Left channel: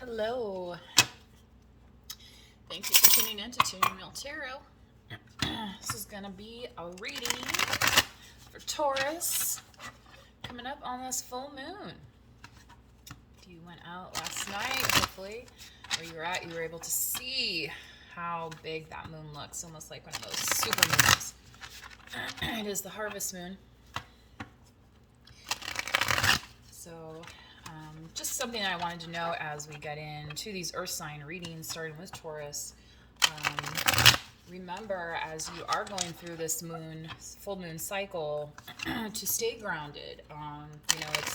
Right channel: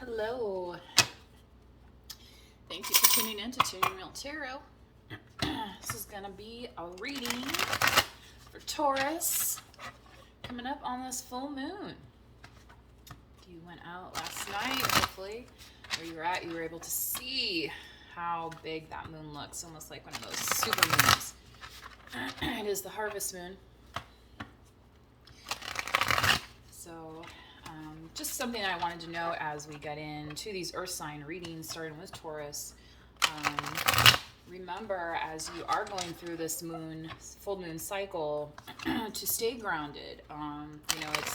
Hello. Thank you for tuning in to Tuning Real Tarot. This is going to be a reading for Taurus coming up on this full moon. If you went out last night, hopefully, where you were able to see how big that moon looks, almost like one of those super moons. It is the harvest moon. So, just something I wanted to know as we get into these earth sign readings, starting with Taurus. Remember, as you are going through this full moon cycle, to stay grounded. It's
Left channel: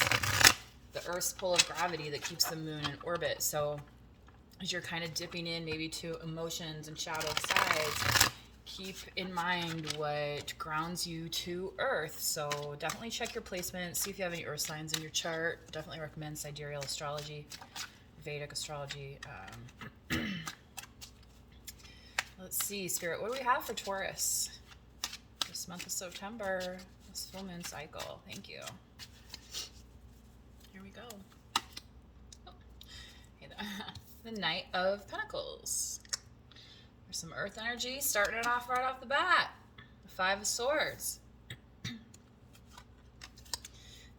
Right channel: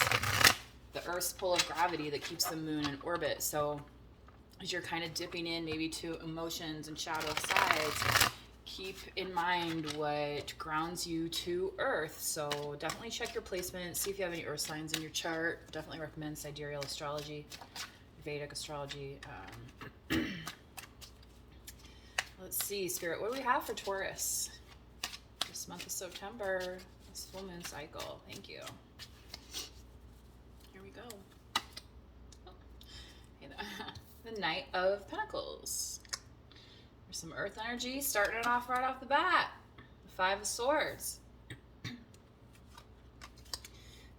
the Earth's pull of gravity that keeps the moon in orbit. So, as you're kind of dipping in maybe to emotions and shadow sides, keep in mind what grounds you to Earth. So definitely check your placement, see if you have any Earth signs in your chart. Definitely recommend sidereal astrology, Vedic astrology. Let's see, Spirit, what do we have for Taurus this month of September, this full moon cycle? Thank you. Here we go. The Knight of Pentacles. There's some earth energy starting it off right off the bat. The Five of Swords.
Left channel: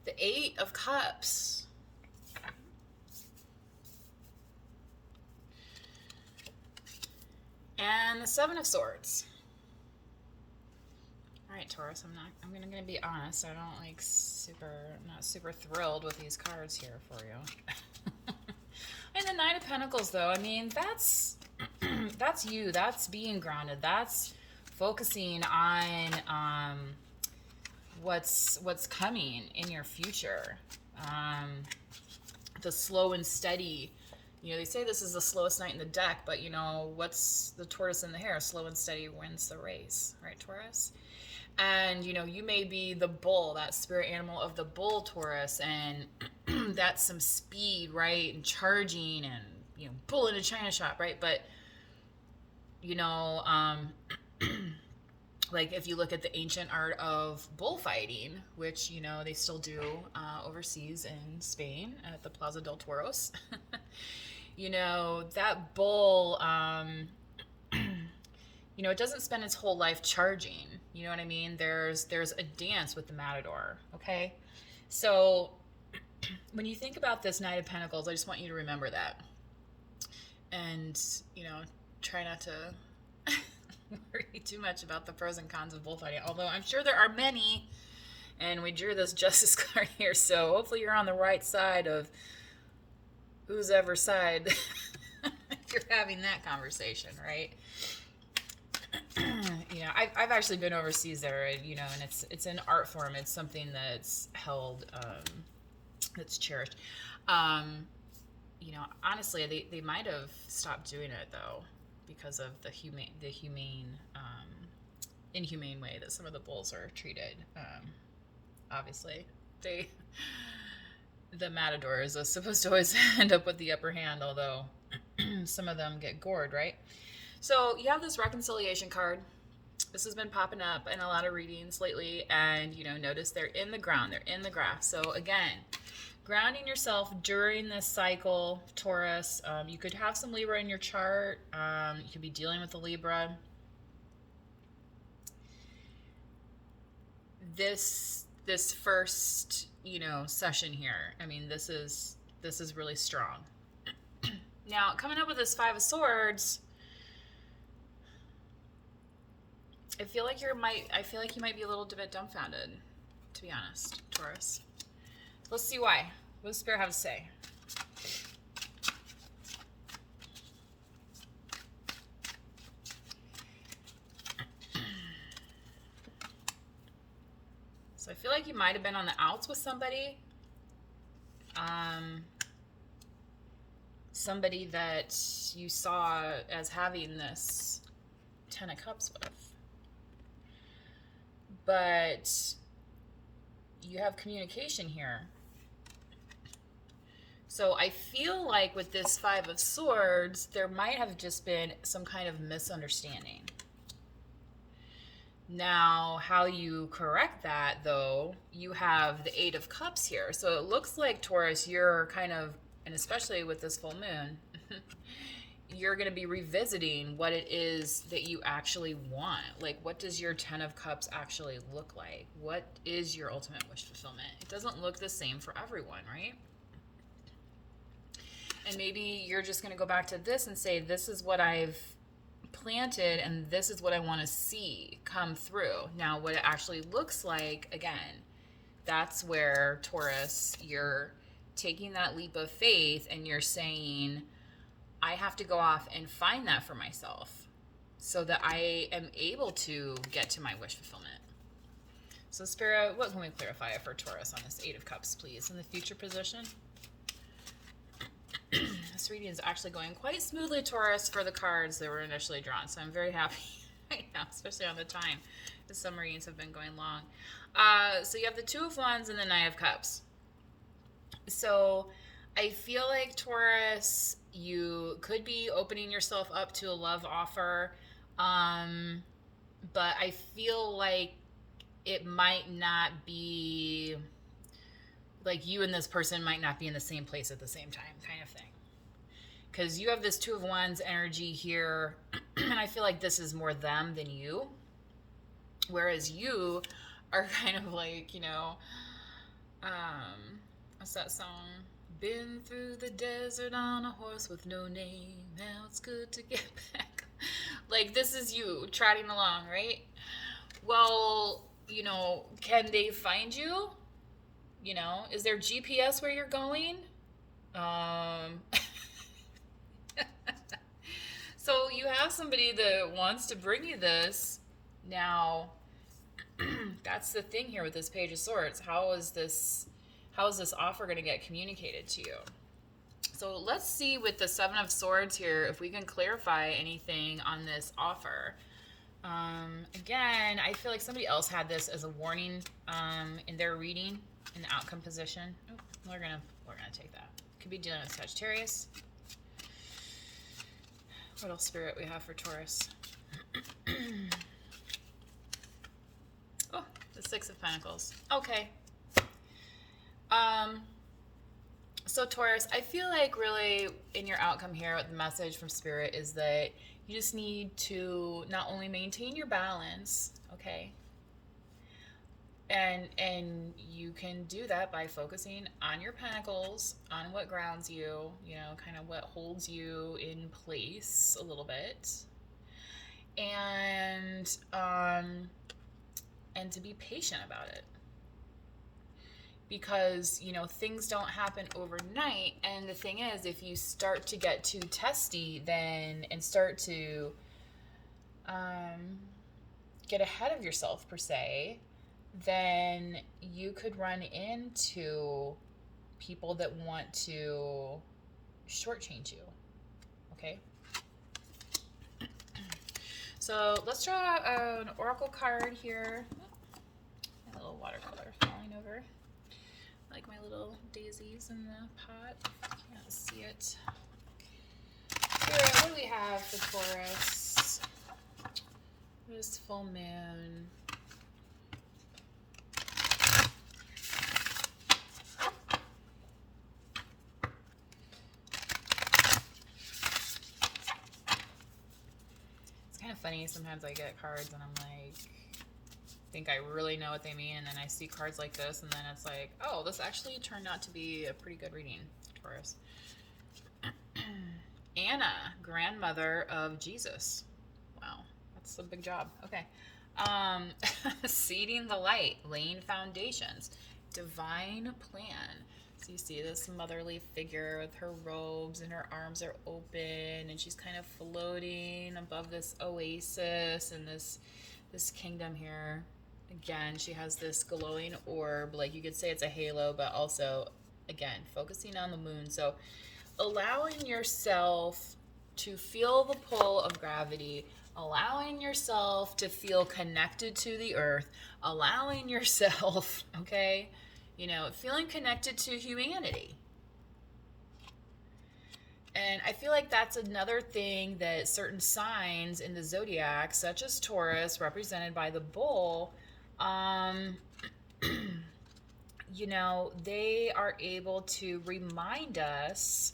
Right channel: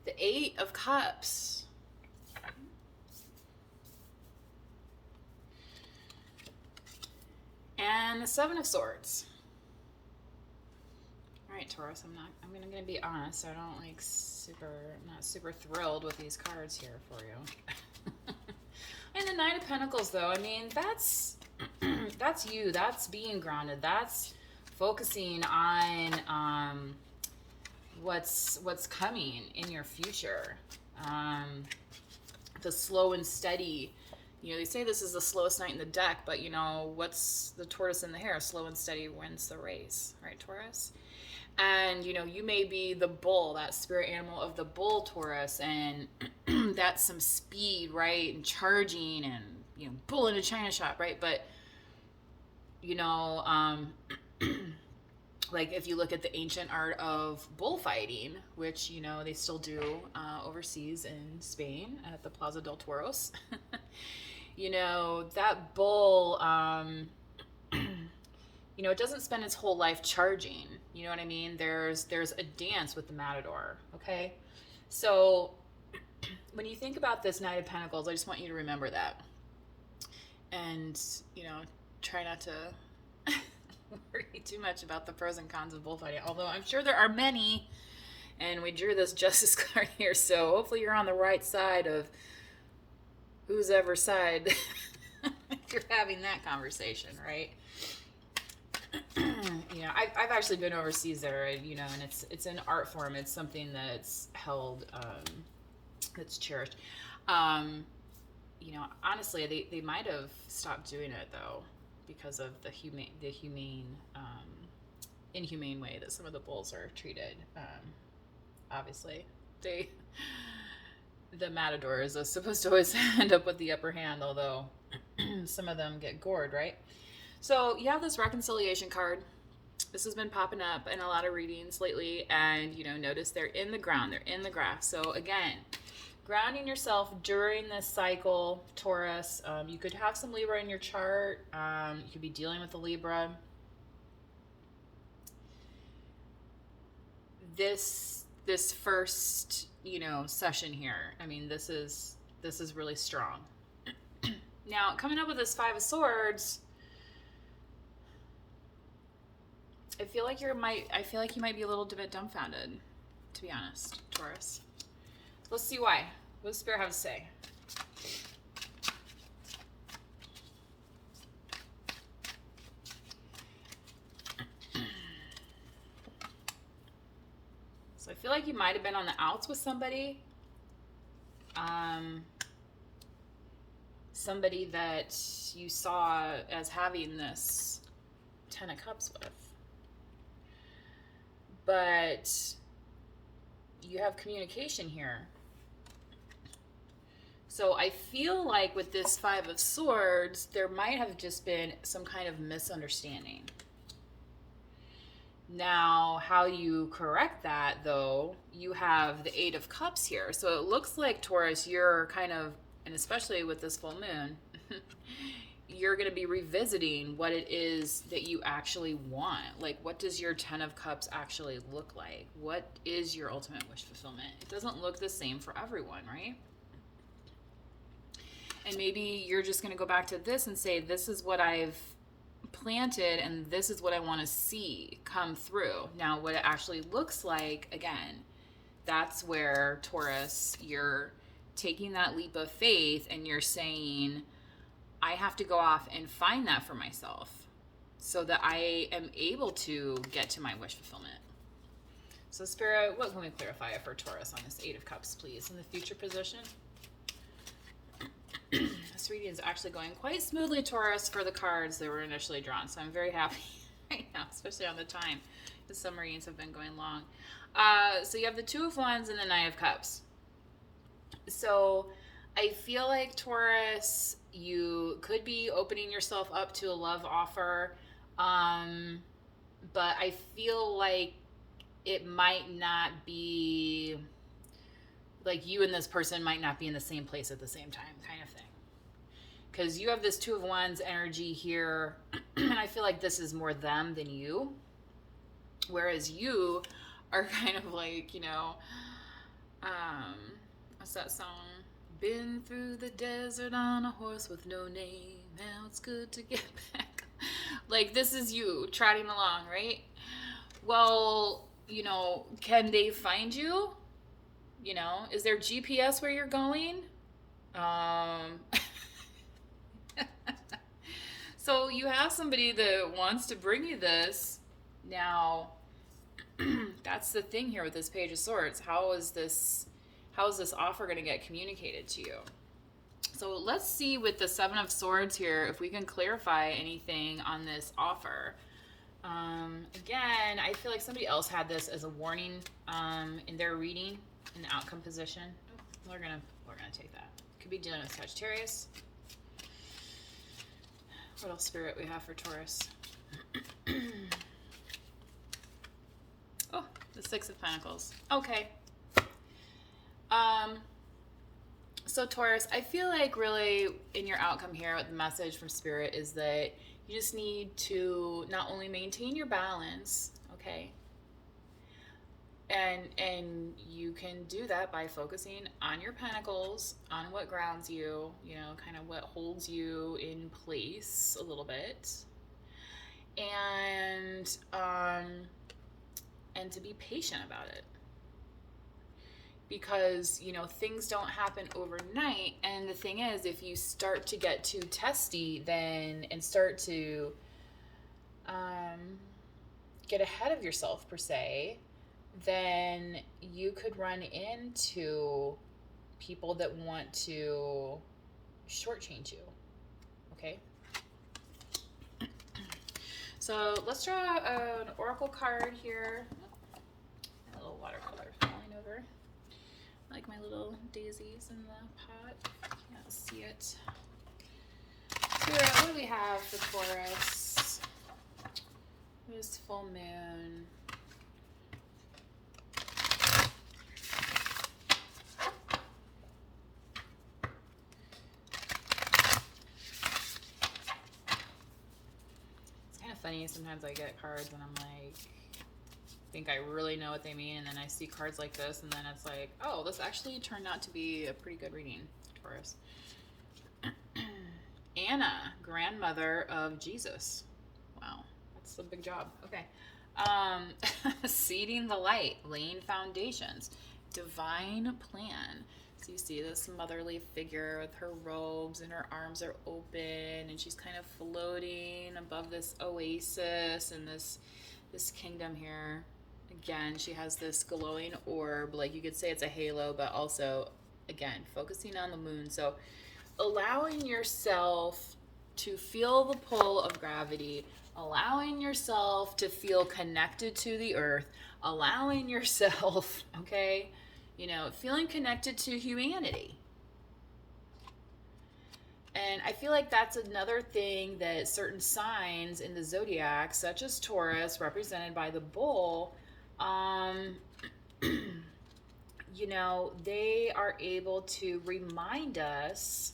The Eight of Cups. And the Seven of Swords. All right, Taurus, I'm gonna be honest. I'm not super thrilled with these cards here for you. And the Knight of Pentacles, though, I mean, that's you. That's being grounded. That's focusing on what's coming in your future. The slow and steady. They say this is the slowest night in the deck, but what's the tortoise in the hare? Slow and steady wins the race, right, Taurus? And you may be the bull, that spirit animal of the bull, Taurus, and that's some speed, right, and charging and bull in a china shop, right? But like if you look at the ancient art of bullfighting, which they still do overseas in Spain at the Plaza del Toros. That bull, it doesn't spend its whole life charging. You know what I mean? There's a dance with the matador, okay? So when you think about this Knight of Pentacles, I just want you to remember that. And, try not to worry too much about the pros and cons of bullfighting, although I'm sure there are many, and we drew this Justice card here, so hopefully you're on the right side of whose ever side you're having that conversation, right? I've actually been overseas there, and it's an art form. It's something that's held, that's cherished. Honestly, they might have stopped doing it though because of the inhumane way that some of the bulls are treated. Obviously, the matadors are supposed to always end up with the upper hand, although some of them get gored, right? So you have this reconciliation card. This has been popping up in a lot of readings lately, and notice they're in the ground, they're in the graph. So again, grounding yourself during this cycle, Taurus. You could have some Libra in your chart. You could be dealing with the Libra. This first session here, I mean, this is really strong. Now coming up with this Five of Swords, I feel like you might be a little bit dumbfounded, to be honest, Taurus. Let's see why. What does Spirit have to say? So I feel like you might have been on the outs with somebody. Somebody that you saw as having this Ten of Cups with. But you have communication here. So I feel like with this Five of Swords, there might have just been some kind of misunderstanding. Now, how you correct that, though, you have the Eight of Cups here. So it looks like, Taurus, you're kind of and especially with this full moon, you're going to be revisiting what it is that you actually want. Like, what does your 10 of Cups actually look like? What is your ultimate wish fulfillment? It doesn't look the same for everyone, right? And maybe you're just going to go back to this and say, this is what I've planted and this is what I want to see come through. Now, what it actually looks like, again, that's where, Taurus, you're taking that leap of faith and you're saying, I have to go off and find that for myself so that I am able to get to my wish fulfillment. So Spirit, what can we clarify for Taurus on this 8 of Cups, please? In the future position. This reading is actually going quite smoothly, Taurus, for the cards that were initially drawn. So I'm very happy right now, especially on the time. Because some readings have been going long. So you have the 2 of Wands and the 9 of Cups. So I feel like, Taurus, you could be opening yourself up to a love offer, but I feel like it might not be, like you and this person might not be in the same place at the same time, kind of thing. Because you have this 2 of Wands energy here, and I feel like this is more them than you, whereas you are kind of like, you know, what's that song? Been through the desert on a horse with no name. Now it's good to get back. Like, this is you trotting along, right? Well, you know, can they find you? You know, is there GPS where you're going? So you have somebody that wants to bring you this. Now, that's the thing here with this Page of Swords. How is this offer going to get communicated to you? So let's see with the 7 of Swords here if we can clarify anything on this offer. Again, I feel like somebody else had this as a warning in their reading in the outcome position. Oh, we're gonna take that. Could be dealing with Sagittarius. What else, Spirit, we have for Taurus? Oh, the 6 of Pentacles. Okay. So Taurus, I feel like really in your outcome here, the message from Spirit is that you just need to not only maintain your balance, okay? And you can do that by focusing on your pentacles, on what grounds you, you know, kind of what holds you in place a little bit. And to be patient about it. Because, you know, things don't happen overnight. And the thing is, if you start to get too testy then and start to get ahead of yourself, per se, then you could run into people that want to shortchange you. Okay? So let's draw an oracle card here. A little watercolor falling over. Like my little daisies in the pot. Can't see it. Here, what do we have for Taurus? This full moon. It's kind of funny. Sometimes I get cards and I'm like, think I really know what they mean, and then I see cards like this and then it's like, oh, this actually turned out to be a pretty good reading, Taurus. Anna, grandmother of Jesus. Wow, that's a big job. Okay. Seeding the light, laying foundations, divine plan. So you see this motherly figure with her robes and her arms are open and she's kind of floating above this oasis and this kingdom here. Again, she has this glowing orb, like you could say it's a halo, but also, again, focusing on the moon. So allowing yourself to feel the pull of gravity, allowing yourself to feel connected to the earth, allowing yourself, okay, you know, feeling connected to humanity. And I feel like that's another thing that certain signs in the zodiac, such as Taurus, represented by the bull, you know, they are able to remind us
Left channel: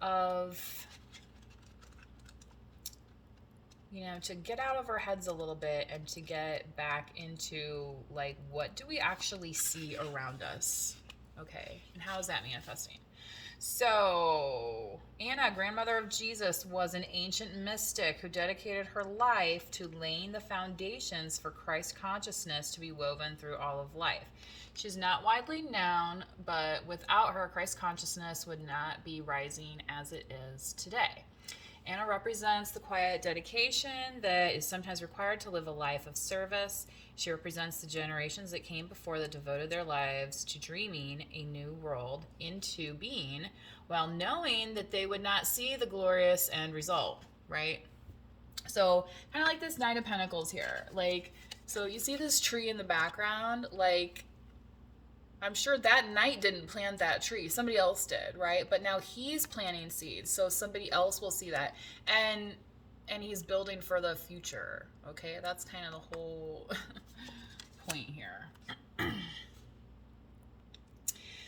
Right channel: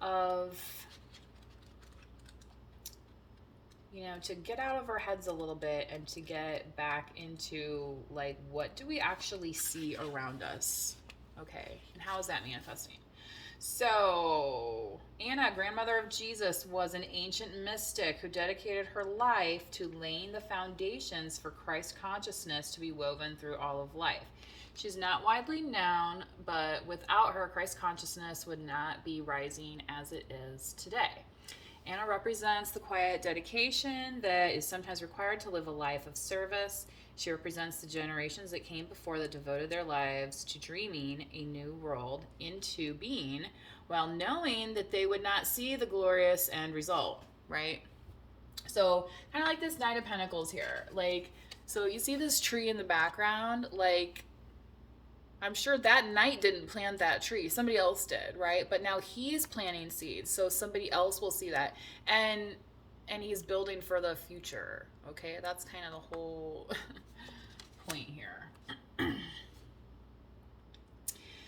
of, you know, to get out of our heads a little bit and to get back into, like, what do we actually see around us? Okay, and how is that manifesting? So, Anna, grandmother of Jesus, was an ancient mystic who dedicated her life to laying the foundations for Christ consciousness to be woven through all of life. She's not widely known, but without her, Christ consciousness would not be rising as it is today. Anna represents the quiet dedication that is sometimes required to live a life of service. She represents the generations that came before that devoted their lives to dreaming a new world into being while knowing that they would not see the glorious end result, right? So kind of like this Knight of Pentacles here. Like, so you see this tree in the background, like, I'm sure that knight didn't plant that tree. Somebody else did, right? But now he's planting seeds, so somebody else will see that. And he's building for the future, okay? That's kind of the whole point here.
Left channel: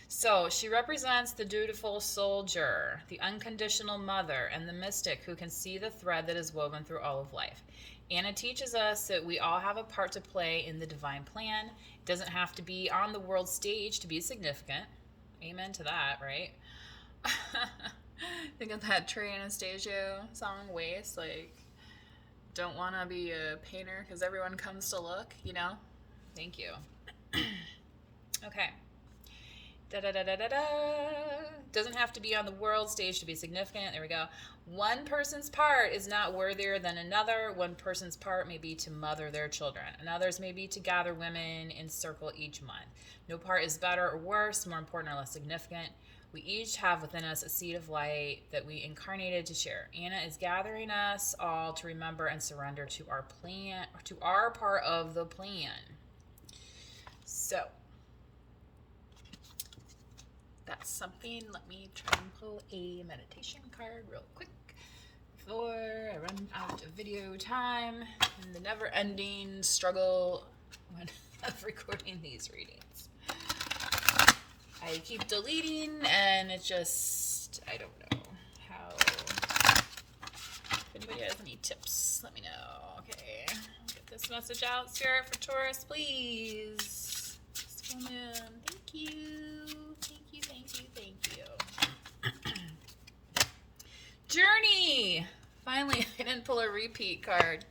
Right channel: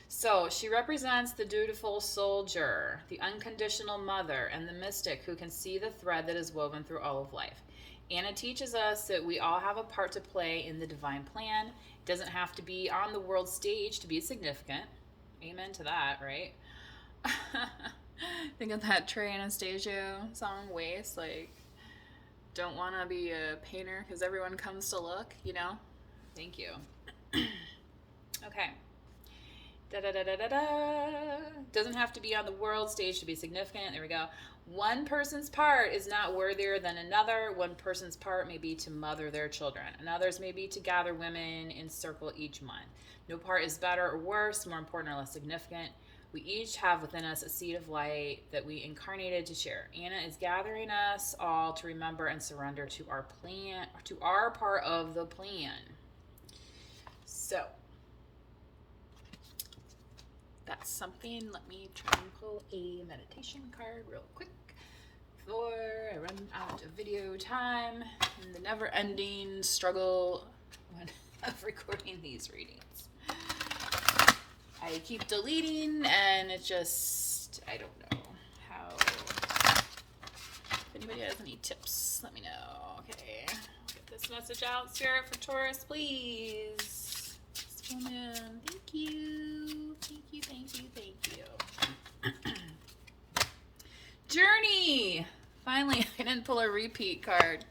So she represents the dutiful soldier, the unconditional mother, and the mystic who can see the thread that is woven through all of life. Anna teaches us that we all have a part to play in the divine plan. It doesn't have to be on the world stage to be significant. Amen to that, right? Think of that Trey Anastasio song, Waste. Like, don't want to be a painter because everyone comes to look, you know? Thank you. Okay. Doesn't have to be on the world stage to be significant. There we go. One person's part is not worthier than another. One person's part may be to mother their children. Another's may be to gather women in circle each month. No part is better or worse, more important or less significant. We each have within us a seed of light that we incarnated to share. Anna is gathering us all to remember and surrender to our plan, to our part of the plan. So, that's something. Let me try and pull a meditation card real quick before I run out of video time and the never-ending struggle of recording these readings. I keep deleting and it just, I don't know how. If anybody has any tips, let me know. Okay, get this message out, Spirit, for Taurus, please. Thank you. Thank you. Journey! Finally, I didn't pull a repeat card.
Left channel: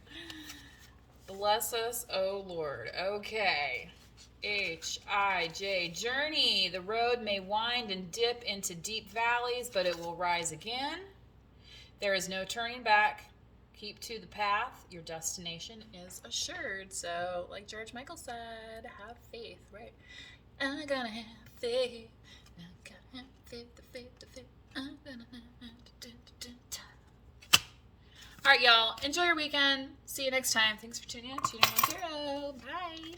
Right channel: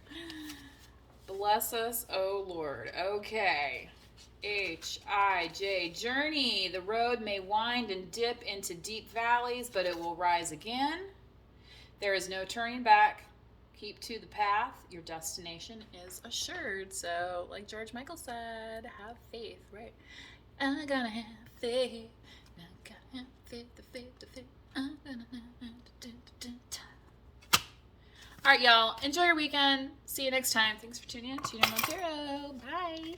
Bless us, oh Lord. Okay. H-I-J, journey. The road may wind and dip into deep valleys, but it will rise again. There is no turning back. Keep to the path. Your destination is assured. So, like George Michael said, have faith, right? I'm gonna have faith. I'm gonna have faith, the faith, the faith. I'm gonna have All right, y'all. Enjoy your weekend. See you next time. Thanks for tuning in to No More Hero. Bye.